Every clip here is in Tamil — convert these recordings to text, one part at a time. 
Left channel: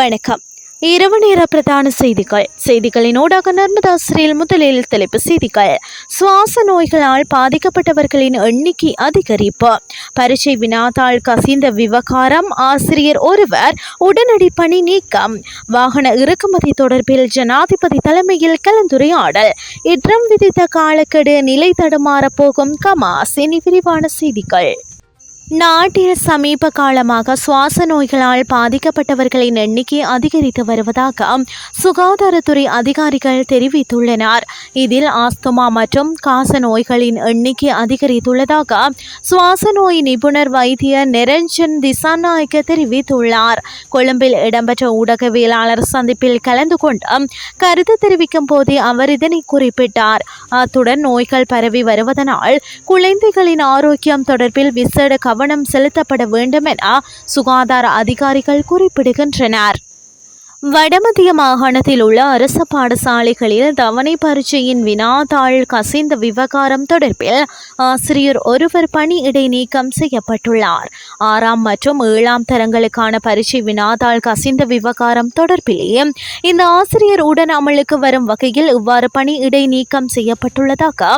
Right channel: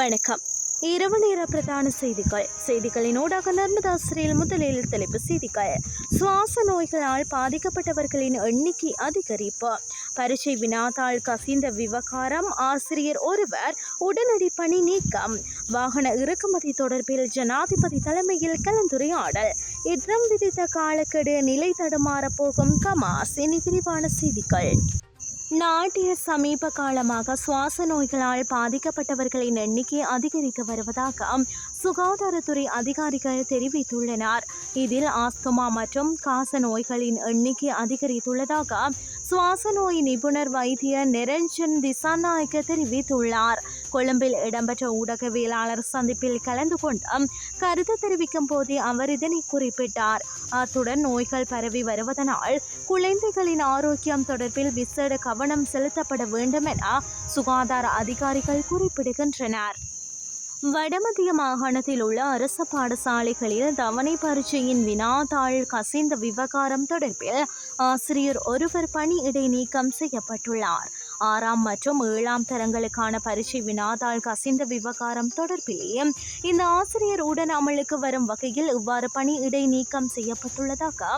வணக்கம். இரவு நேர பிரதான செய்திகள். செய்திகளின் ஊடாக நர்மதாசிரியில் முதலில் தலைப்பு செய்திகள். சுவாச நோய்களால் பாதிக்கப்பட்டவர்களின் எண்ணிக்கை அதிகரிப்பு. பரீட்சை வினாத்தாள் கசிந்த விவகாரம் ஆசிரியர் ஒருவர் உடனடி பணி நீக்கம். வாகன இறக்குமதி தொடர்பில் ஜனாதிபதி தலைமையில் கலந்துரையாடல். இட்ரம் விதித்த காலக்கெடு நிலை தடுமாறப் போகும் கமாஸ். இனி விரிவான செய்திகள். நாட்டில் சமீப காலமாக சுவாச நோய்களால் பாதிக்கப்பட்டவர்களின் எண்ணிக்கை அதிகரித்து வருவதாக சுகாதாரத்துறை அதிகாரிகள் தெரிவித்துள்ளனர். இதில் ஆஸ்துமா மற்றும் காச நோய்களின் எண்ணிக்கை அதிகரித்துள்ளதாக சுவாச நோய் நிபுணர் வைத்தியர் நிரஞ்சன் திசாநாயக்க தெரிவித்துள்ளார். கொழும்பில் இடம்பெற்ற ஊடகவியலாளர் சந்திப்பில் கலந்து கொண்டு கருத்து தெரிவிக்கும் போதே அவர் இதனை குறிப்பிட்டார். அத்துடன் நோய்கள் பரவி வருவதனால் குழந்தைகளின் ஆரோக்கியம் தொடர்பில் விசேட கவனம் கவனம் செலுத்தப்பட வேண்டும் என சுகாதார அதிகாரிகள் குறிப்பிடுகின்றனர். வடமத்திய மாகாணத்தில் உள்ள அரசு பாடசாலைகளில் தவணை பரீட்சையின் வினாத்தாள் கசிந்த விவகாரம் தொடர்பில் ஆசிரியர் ஒருவர் பணி இடைநீக்கம் செய்யப்பட்டுள்ளார். ஆறாம் மற்றும் ஏழாம் தரங்களுக்கான பரீட்சை வினாத்தாள் கசிந்த விவகாரம் தொடர்பிலேயே இந்த ஆசிரியர் உடன் அமலுக்கு வரும் வகையில் இவ்வாறு பணி இடைநீக்கம் செய்யப்பட்டுள்ளதாக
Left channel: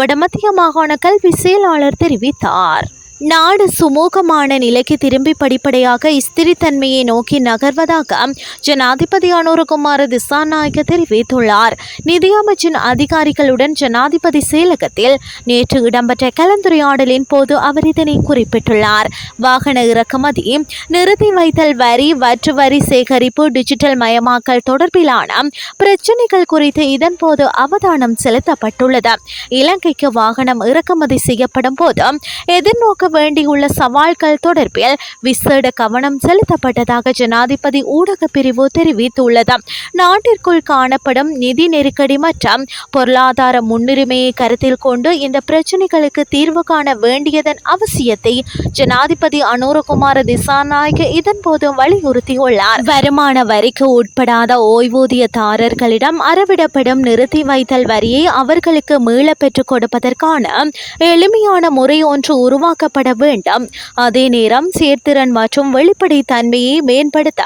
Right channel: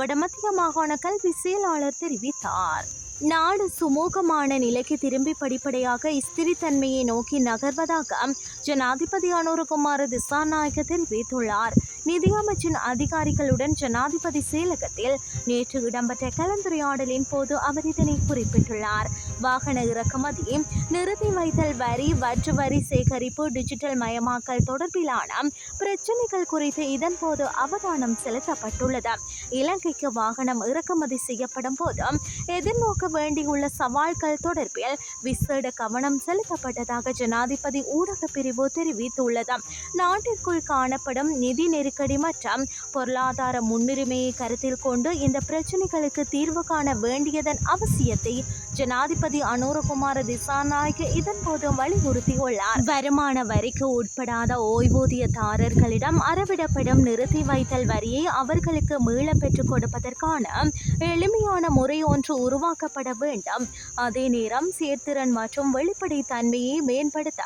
வடமத்திய மாகாண கல்வி செயலாளர் தெரிவித்தார். நாடு சுமூகமான நிலைக்கு திரும்பி படிப்படியாக ஸ்திரித்தன்மையை நோக்கி நகர்வதாக ஜனாதிபதி அனுரகுமார திசாநாயக்க தெரிவித்துள்ளார். நிதியமைச்சின் அதிகாரிகளுடன் ஜனாதிபதி செயலகத்தில் நேற்று இடம்பெற்ற கலந்துரையாடலின் போது அவர் இதனை குறிப்பிட்டுள்ளார். வாகன இறக்குமதி நிறுத்தி வைத்தல் வரி வற்று வரி சேகரிப்பு டிஜிட்டல் மயமாக்கல் தொடர்பிலான பிரச்சினைகள் குறித்து இதன்போது அவதானம் செலுத்தப்பட்டுள்ளது. இலங்கைக்கு வாகனம் இறக்குமதி செய்யப்படும் போது எதிர்நோக்க வேண்டியுள்ள சவால்கள் தொடர்பில் விசேட கவனம் செலுத்தப்பட்டதாக ஜனாதிபதி ஊடக பிரிவு தெரிவித்துள்ளது. நாட்டிற்குள் காணப்படும் நிதி நெருக்கடி மற்றும் பொருளாதார முன்னுரிமையை கருத்தில் கொண்டு இந்த பிரச்சினைகளுக்கு தீர்வு காண வேண்டியதன் அவசியத்தை ஜனாதிபதி அனுரகுமார திசாநாயக இதன்போது வலியுறுத்தியுள்ளார். வருமான வரிக்கு உட்படாத ஓய்வூதியதாரர்களிடம் அறவிடப்படும் நிறுத்தி வைத்தல் வரியை அவர்களுக்கு மீள பெற்றுக் கொடுப்பதற்கான எளிமையான முறை ஒன்று உருவாக்கப்பட வேண்டும். அதே நேரம் சேர்த்திறன் மற்றும் வெளிப்படைத்தன்மையை மேம்படுத்த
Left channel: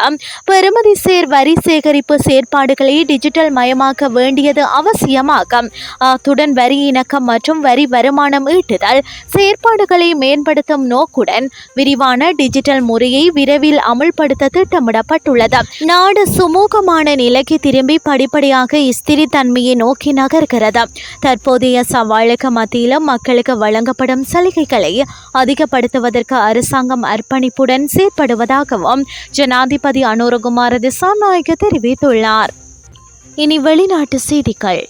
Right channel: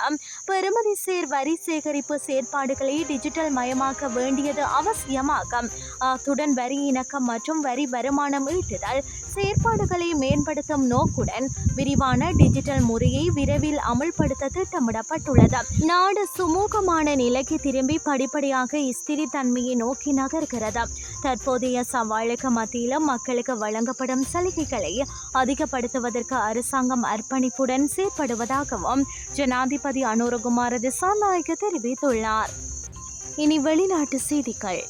பெறுமதி சேர் வரி சேகரிப்பு செயற்பாடுகளை டிஜிட்டல் மயமாக்க வேண்டியது அவசியமாகும். அத்துடன் வரி இணக்கம் மற்றும் வரி வருமானம் ஈட்டுதல் செயற்பாடுகளை மேம்படுத்தும் நோக்குடன் விரிவான டிஜிட்டல் முறையை விரைவில் அமுல்படுத்த திட்டமிடப்பட்டுள்ளது. நாடு சுமூகமான நிலைக்கு திரும்பி படிப்படியாக ஸ்திரித்தன்மையை நோக்கி நகர்கிறது. தற்போதைய சவாலுக்கு மத்தியிலும் மக்களுக்கு வழங்கப்படும் சலுகைகளை அதிகப்படுத்துவதற்கு அரசாங்கம் அர்ப்பணிப்புடன் செயற்படுவதாகவும் ஜனாதிபதி அனுரகுமார திசாநாயக்க தெரிவித்துள்ளார். இனி வெளிநாட்டு செய்திகள்.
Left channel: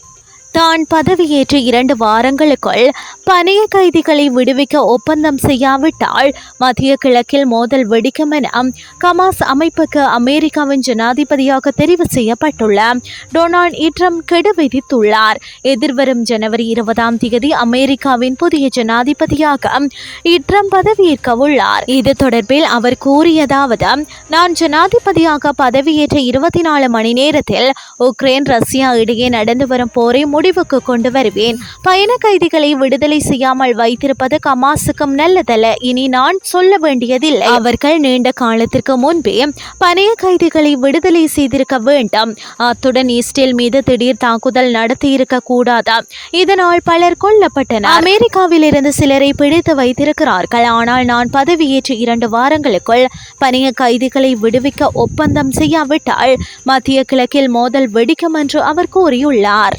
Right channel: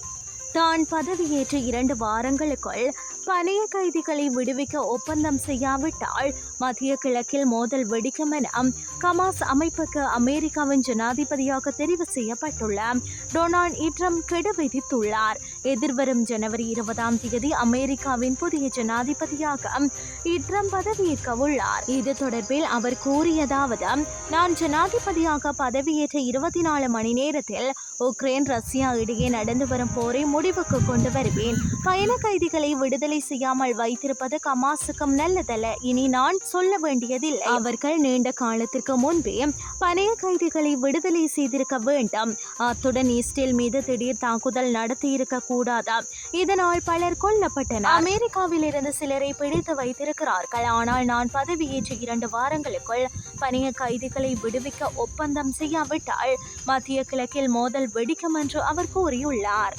தான் பதவியேற்ற இரண்டு வாரங்களுக்குள் பணைய கைதிகளை விடுவிக்க ஒப்பந்தம் செய்யாவிட்டால் மத்திய கிழக்கில் மோதல் வெடிக்கும் என கமாஸ் அமைப்புக்கு அமெரிக்காவின் ஜனாதிபதியாக தெரிவு செய்யப்பட்டுள்ள டொனால்ட் இட்ரம் கெடு விதித்துள்ளார். எதிர்வரும் ஜனவரி இருபதாம் தேதி அமெரிக்காவின் புதிய ஜனாதிபதியாக இட்ரம் பதவியேற்க உள்ளார் இது தொடர்பில் அவர் கூறியதாவது நான் ஜனாதிபதியாக பதவியேற்ற இருபத்தி நாலு மணி நேரத்தில் உக்ரைன் ரஷ்யா இடையே நடந்து வரும் போரை முடிவுக்கு கொண்டு வருவேன் பயண கைதிகளை விடுதலை செய்யாமல் வைத்திருப்பது கமாசுக்கும் நல்லதல்ல. இனி நான் சொல்ல வேண்டியதில்லை. அவர்கள் நீண்ட காலத்திற்கு முன்பே பணைய கைதிகளை விடுதலை செய்திருக்க வேண்டும். அத்துடன் இஸ்ரேல் மீது திடீர் தாக்குதல் நடத்தியிருக்க கூடாதா? இதனால் பலர் கொல்லப்பட்டனர். அமெரிக்காவில் இருந்து சிலரை பிடித்து வைத்திருக்கிறார்கள். ஆனால் நான் பதவியேற்ற இரண்டு வாரங்களுக்குள் பணைய கைதிகளை விடுவிக்க ஒப்பந்தம் செய்யாவிட்டால் மத்திய கிழக்கில் மோதல் வெடிக்கும் என்று அவர் கூறியுள்ளார்.